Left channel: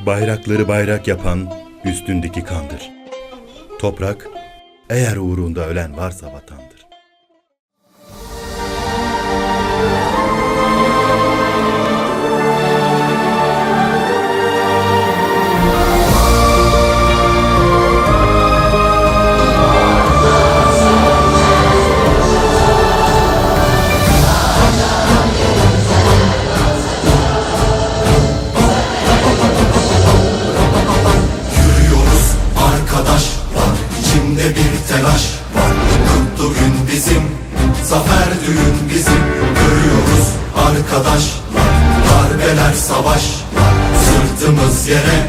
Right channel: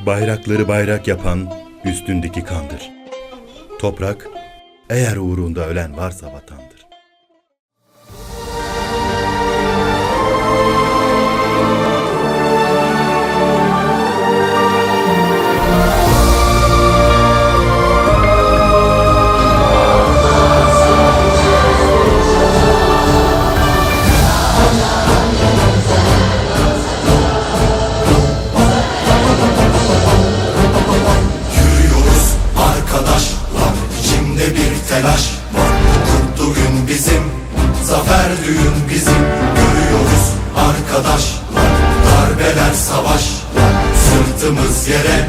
Bayrakları bayrak yapan üstündeki kandır. Toprak, eğer uğrunda ölen varsa vatandır. Telaş var. Mutlu gün bizim Zafer düğün bizim. Görüyoruz arkadaşlar Darbeler savaşlar. Sırtımız yere